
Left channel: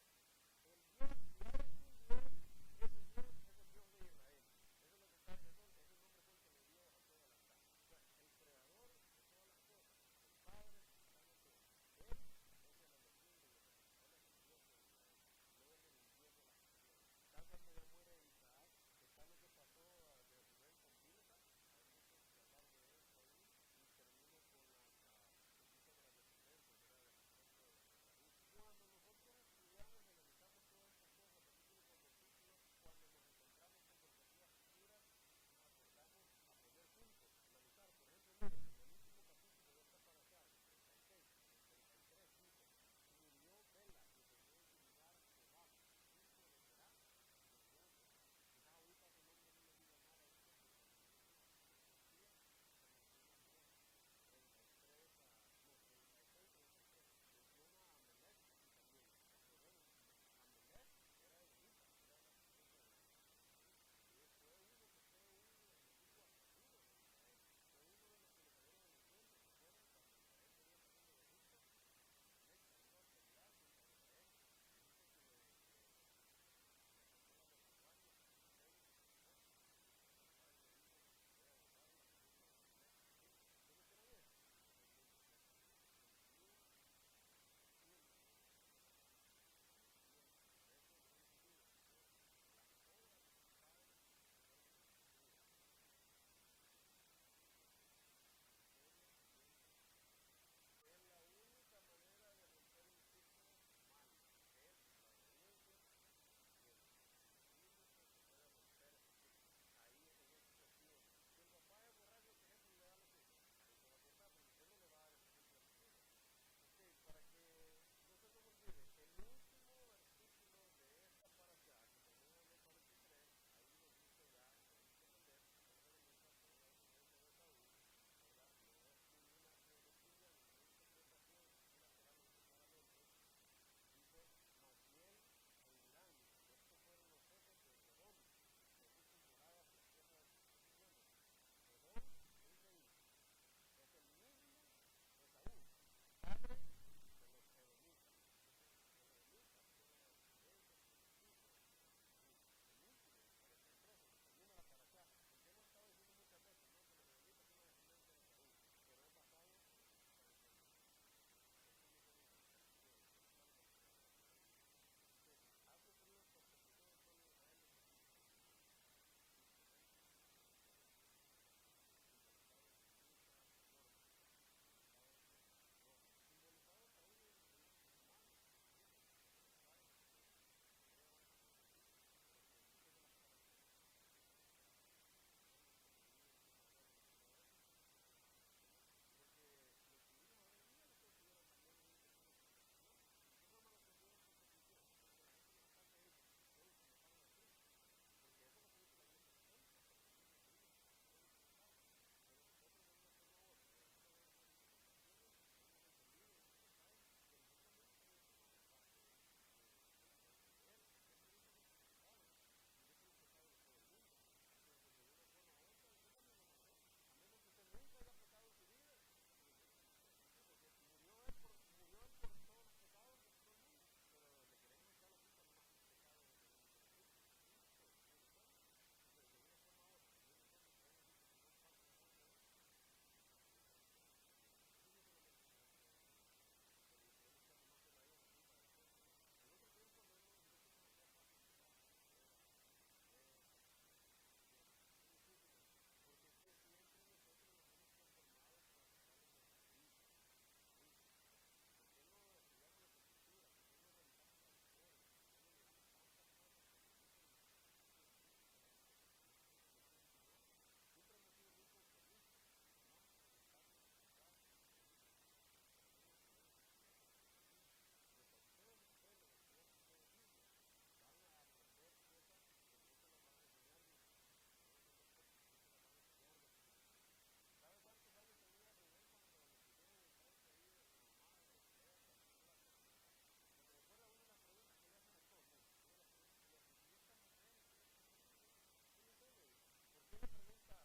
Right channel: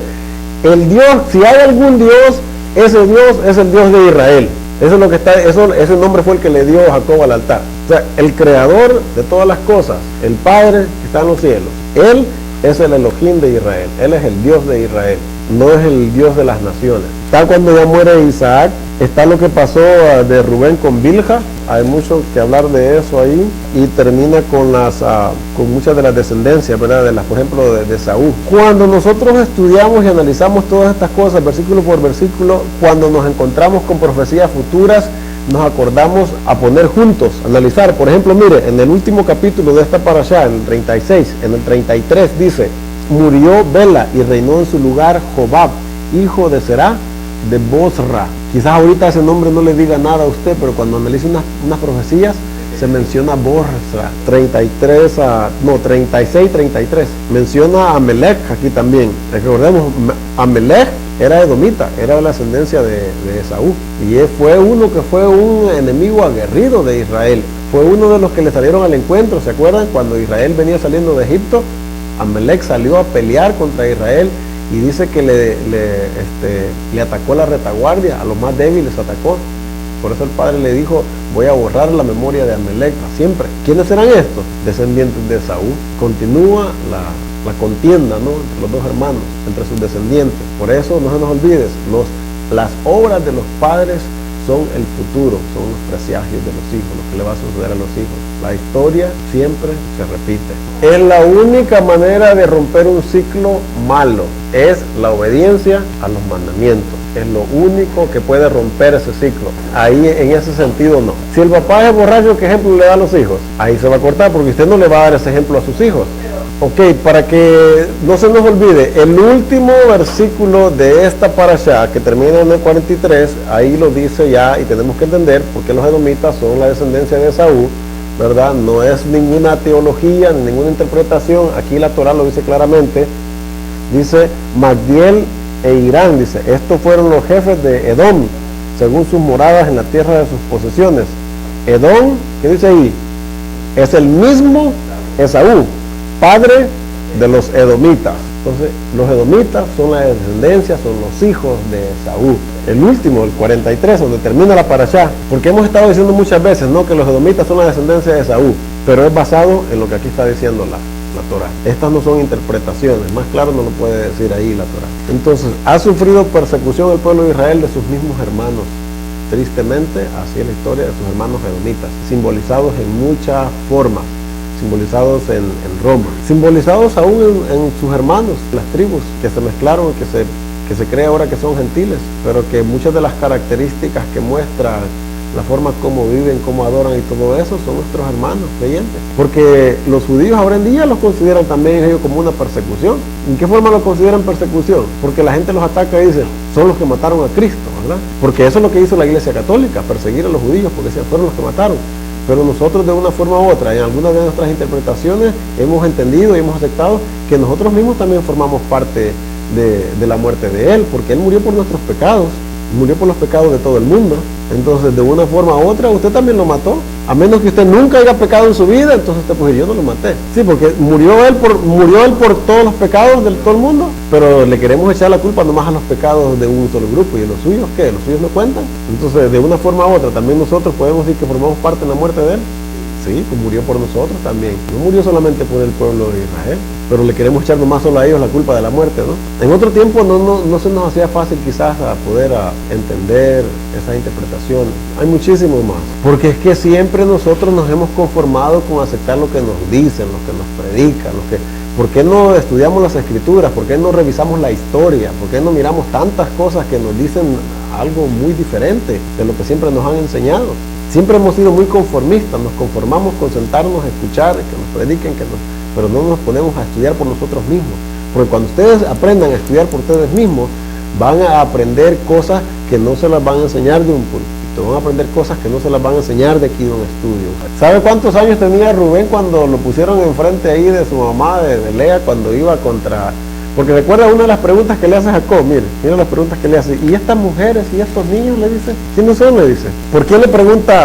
el Dios, si hay algún Dios, ese Dios es el Dios de Israel. Eso es lo que ese nombre fue el que le dio Jacob al altar. O sea, el creador de todas las cosas, el Padre que está en los cielos, Él es el Elohim de Israel, Él es el Dios de Israel, no es el Dios de las naciones. Está cuando ya muere Isaac, está lo que pasó de Rubén con Bilha, hay mucho que hablar de eso ahí, y termina con muchas de las descendencias, ¿verdad? Por ejemplo, de Saúl. Cuando nosotros estudiamos y analizamos todas estas cosas, versículo por versículo, cuando nos encontramos con profecías futuras, nos acordamos a poner juntos, analizar. Por ejemplo, mire, en el último capítulo de esta parashá, en el 36, en el 33 dice, murió Bela y reinó en su lugar Jobab, hijo de Será, de Bosra. Quizás ahorita ese nombre no le diga nada a usted, pero cuando analice unas profecías, se menciona Bosra, 36, 33. Menciona a Amelech aquí también. Recordemos, Amelech era edomita, era de la ascendencia de Esaú. Y él fue un enemigo aguerrido de Israel. Fue uno de los que le salieron al encuentro. ¿Se acuerdan? Cuando Israel venía saliendo de Egipto, Amelech salió a pelear contra Israel y dice que le atacó la retaguardia, a los más débiles atacó. Por eso el padre le dijo, voy a borrar la memoria de Amelech para siempre. ¿Quiénes eran estos? Descendientes de Esaú. Continúa la contienda, ¿no?, entre los dos hermanos, entre sus descendientes. Por eso no se nos olvides, las obras de los padres son el futuro, son los presagios de los hijos, lo que le va a suceder a los hijos. La historia siempre se repite. Es la única manera de romper un ciclo malo, es la obediencia a los mandamientos. Es lo único que puede romper ese ciclo. Ahí, en ese sentido, no. Si el papá es borracho, ¿qué ejemplo le da a los hijos? Ahí se va a cortar, porque usted no le va a dar ese ejemplo a sus hijos. Ok, para que no se nos olvide, el último versículo de esta parashá, que termina en el 43, ahí lo dice ya, y tenemos que entender por qué los edomitas son la descendencia de Esaú, ¿verdad? No es ninguna teología, ni ninguna interpretación, aquí la Torah lo dice claramente. Dice Magdiel e Irán, dice, estos fueron los jefes de Edom, según sus moradas en la tierra de sus posesiones. Edom, ¿qué dice ahí? Es el mismo Esaú, padre de los edomitas. Entonces, los edomitas son la descendencia, son los hijos de Esaú. El último, el 43, donde termina la parashá, porque hemos estado diciendo muchas veces, ¿no?, que los edomitas son la descendencia de Esaú, pero es basado en lo que aquí está diciendo la Torah. Estas no son interpretaciones, más claro no lo puede decir ahí la Torah. Entonces, ha sufrido persecución el pueblo de Israel de sus mismos hermanos. Tristemente, así es la historia de sus hermanos edomitas, simbolizados en muchas formas, simbolizados en Roma, simbolizados aún en sus hermanos, las tribus que se mezclaron y que se cree ahora que son gentiles, pero que muchas de las características que muestran la forma como viven, cómo adoran y todo eso, son nuestros hermanos creyentes. Porque los judíos ahora en día los consideran también ellos como una persecución. ¿En qué forma lo consideran persecución? Porque la gente los ataca y dice, son los que mataron a Cristo, ¿verdad? Porque eso es lo que hizo la Iglesia Católica, perseguir a los judíos, porque fueron los que mataron. Pero nosotros de una forma u otra, en algunas de nuestras interpretaciones, hemos entendido y hemos aceptado que nosotros mismos también formamos parte de la muerte de Él, porque Él murió por nuestros pecados, murió por los pecados de todo el mundo. Entonces, de una forma u otra, usted también lo mató. A menos que usted nunca haya pecado en su vida, entonces usted puede decir, yo no lo maté. Sí, porque murió él por todos los pecados de todo el mundo, pero le queremos echar la culpa nomás a los pecados de un solo grupo. ¿Y los suyos qué? ¿Los suyos no cuentan? Entonces, de una forma u otra, también nosotros podemos decir que formamos parte en la muerte de él. Sí, pues murió por nosotros también. No murió solamente por el pueblo de Israel, pero le queremos echar nomás solo a ellos la culpa de la muerte, ¿no? En otro tiempo no se nos hacía fácil quizás a poder entender esas interpretaciones. Hay muchísimo más. Porque es que siempre nosotros nos hemos conformado con aceptar lo que nos dicen, lo que nos predican, ¿por qué no estudiamos las escrituras? ¿Por qué no revisamos la historia? ¿Por qué no miramos tantas cosas que nos dicen algo muy diferente de lo que siempre nos han enseñado? Siempre hemos sido muy conformistas, nos conformamos con sentarnos a escuchar, que nos prediquen, pero no nos ponemos a estudiar por nosotros mismos. Porque cuando ustedes aprendan a estudiar por ustedes mismos, van a aprender cosas que no se las van a enseñar de un púlpito, van a aprender cosas que no se las van a enseñar de aquí de un estudio. ¿Sabe cuántos años tenía Rubén cuando lo pusieron enfrente ahí de su mamá, de Lea, cuando iba contra... Porque recuerda una de las preguntas que le hace Jacob, mira las preguntas que le hace. ¿Y estas mujeres y estos niños? Le dice. ¿Quiénes son? Le dice. ¿Por quién le pregunta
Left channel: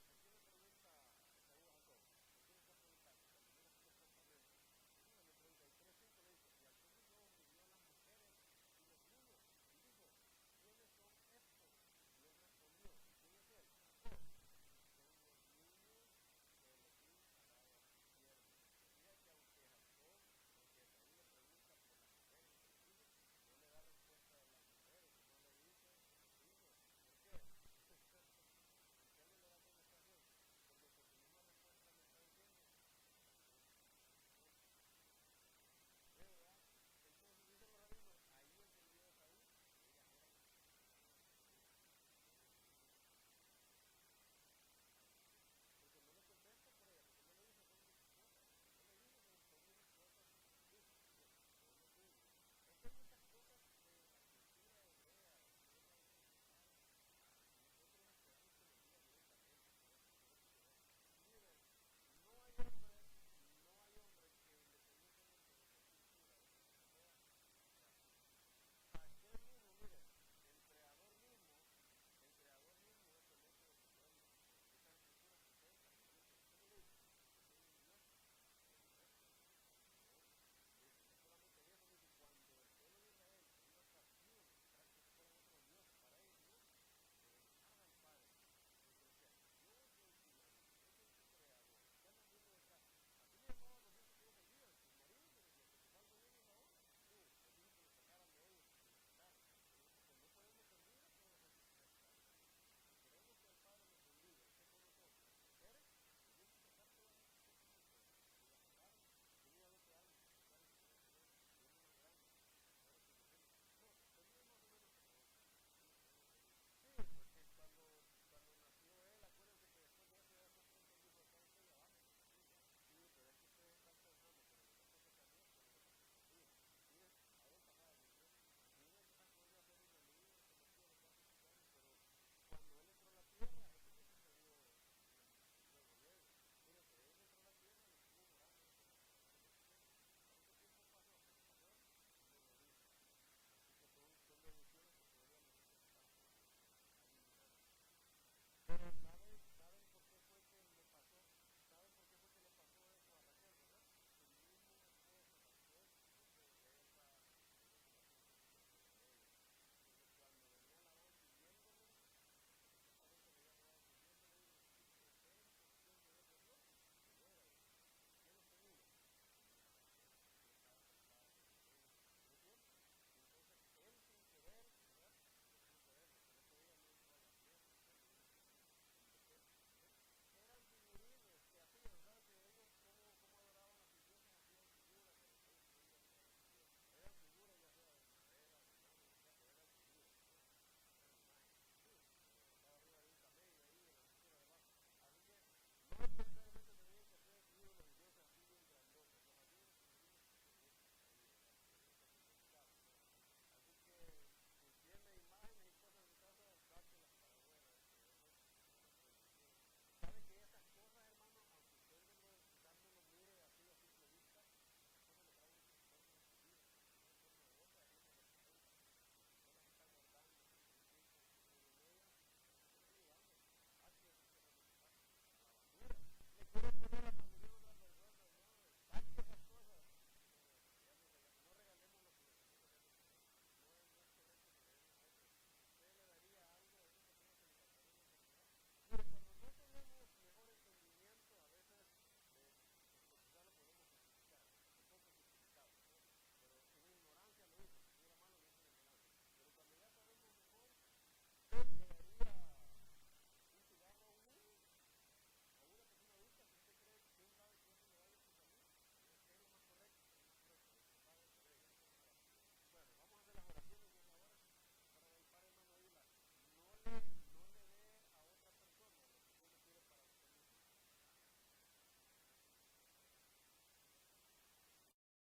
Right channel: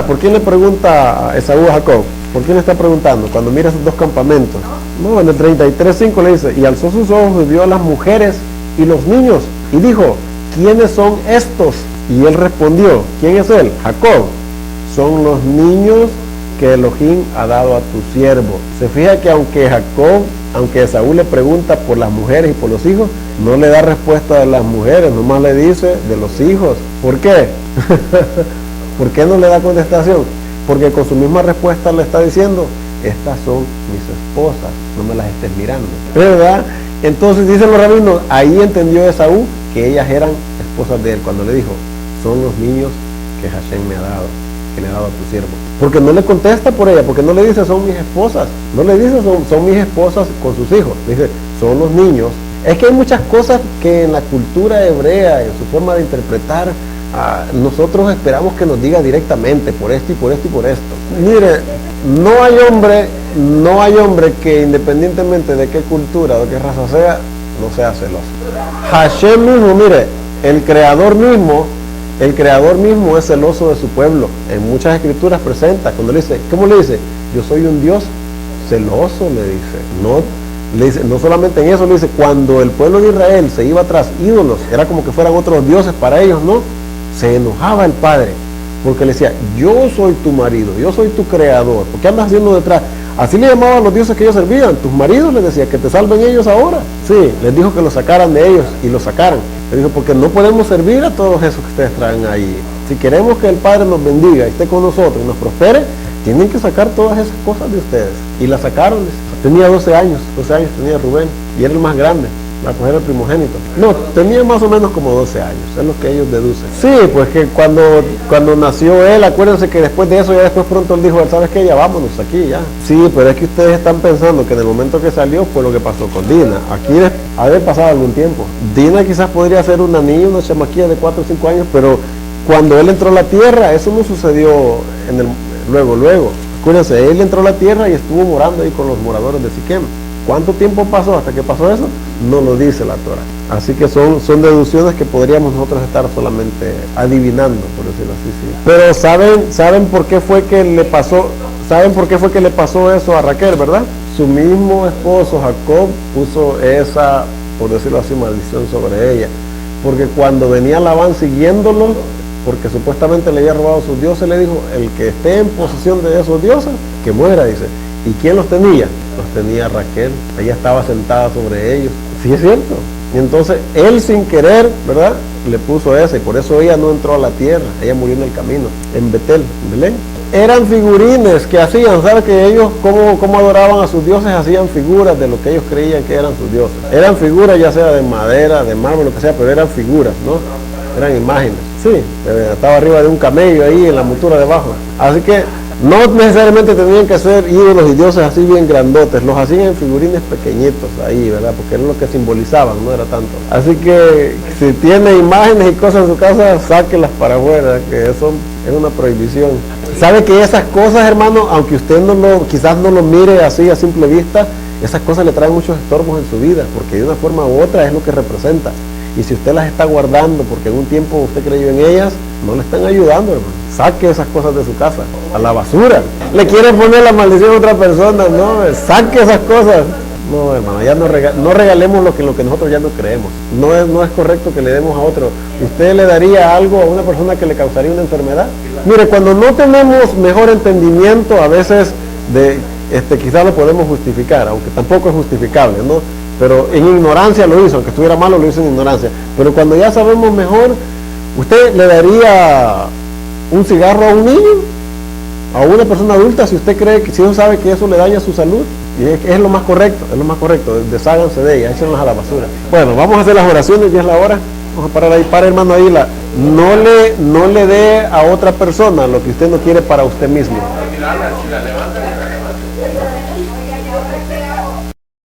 a Esaú a Jacob? ¿Por quién le está preguntando? Cuando mira esos dos campamentos. No, en el 33:5 le dice, y alzó sus ojos y vio a las mujeres y los niños. Y dijo, ¿quiénes son estos? Y él respondió, ¿quién es él? Jacob. Son los niños que Elohim ha dado a tu siervo. Se fija que aunque Esaú le pregunta por las mujeres y por los hijos, no le da respuesta de las mujeres, nomás le dice de los hijos. ¿Por qué? ¿Por qué no le da contestación? Porque con su misma respuesta le está diciendo, estas son mis esposas, no me las estés mirando. ¿Verdad? Entonces dicen los rabinos, ahí entendió Esaú que ellas eran esposas de él, cuando le dijo, son los niños que Hashem me ha dado. que le ha dado a tu siervo. Porque no le contesta por ella, porque no le dice son mis esposas, no le dice son mis esposas con sus hijos, dice son los niños. Es que hay muchas cosas que en la cultura hebrea, en su forma de interpretar, nosotros esperamos que nos diga directamente por esto y por esto y por esto. Mire, no hay hombre que independientemente de qué cultura o de qué raza sea, no sea celoso. Hashem mismo, mire, el creador mismo es celoso de su pueblo. En muchas escrituras presenta, cuando le dice, ¿cómo le dice? Yo soy un Dios celoso, le dice. No solamente en eso, le dice, cuando el pueblo de Israel se iba tras ídolos, era como que fueran otros dioses para ellos, ¿no? Se enojaba el padre, porque le decía, yo soy tu marido, yo soy tu creador, ¿por qué andas haciendo detrás? Así le llamaban a los dioses que ellos servían, tus maridos, les decía, que te salven ellos ahora. Sí, les dijo que los sacaran de ellos y los sacaran. Le dijo, porque no podemos servir a todos esos que ustedes traen ahí. Si queremos que el Padre nos bendiga y esté con nosotros y nos prospere, tienen que sacar todas esas cosas de ustedes. Y las sacaron. Tenía 12 años tenía Rubén, y era el más grande, era el primogénito. No, tenía más o menos como 12 años, es lo que ellos deducen. Sí, pues que cuando nació él, acuérdense que después de eso, ya después pronto él dijo, ¿sabes qué? Ya vámonos aquí, ya. Sí, pero es que ustedes están pensando que en el momento que salió fue lo que pasó con Dina. Aquí ha de pasar algún tiempo. Dina quizás podría ser una niña, una chamaquilla de 4 o 5 años, pero cuando él entró a la tierra, eso no sucedió luego. Acuérdense, él entró a la tierra y estuvo morando ahí con los moradores de Siquem. ¿Cuánto tiempo pasó hasta que pasó eso? No lo dice la Torah. Así que son deducciones que podríamos nosotros estar solamente adivinando, por decirlo así. Sí. Pero ¿saben por qué fue que le pasó? ¿Saben por qué fue que le pasó eso a Raquel, verdad? Su mismo esposo Jacob puso esa, por decirlo así, maldición sobre ella. Porque cuando venía Labán siguiéndolo, porque supuestamente le había robado sus dioses, le dijo, el que esté en posesión de esos dioses, que muera, dice. ¿Y quién los tenía? Los tenía Raquel. Ella estaba sentada sobre ellos. Sí, es cierto. Y entonces él sin querer, ¿verdad? Le puso esa, y por eso ella no entró a la tierra. Ella murió en el camino, en Betel, en Belén. Eran figurines que hacían, ¿sabes? Que ellos, como adoraban a sus dioses, hacían figuras de lo que ellos creían que eran sus dioses. Eran figuras ya sea de madera, de mármol, lo que sea, pero eran figuras, ¿no? Eran imágenes. Sí, estaba arriba de un camello ahí en la montura debajo. Así que no necesariamente tenían que ser ídolos y dioses así bien grandotes, los hacían en figurines pequeñitos ahí, ¿verdad? Porque era lo que simbolizaban, no era tanto. Así que si tiene imágenes y cosas en su casa, sáquelas para afuera, que eso es una prohibición. ¿Sabe que esas cosas, hermano, aunque usted quizás no lo mire así a simple vista, esas cosas le traen muchos estorbos en su vida, porque de una forma u otra es lo que representa. Y si usted las está guardando porque en un tiempo usted creyó en ellas, no le están ayudando, hermano. Saque esas cosas de su casa, a la basura. Le quiere poner la maldición a otra persona, no, saque esas cosas. No, hermano, ya no regalemos lo que nosotros ya no creemos. No es correcto que le demos a otro. ¿Usted le daría algo a una persona que le causaría una enfermedad? Mire, cuando no tenemos mejor entendimiento, a veces quizás lo podemos justificar, aunque tampoco es justificable, ¿no? Pero en ignorancia lo hizo, aunque estuviera malo lo hizo en ignorancia. Pero cuando ya sabemos mejor, ¿usted le daría un cigarro a un niño? ¿A una persona adulta si usted cree que, si uno sabe que eso le daña su salud? Y es lo más correcto, desháganse de ella, échenlas a la basura. Bueno, vamos a hacer las oraciones, ya es la hora. Vamos a parar ahí, hermano, ahí no le dé a otra persona lo que usted no quiere para usted mismo.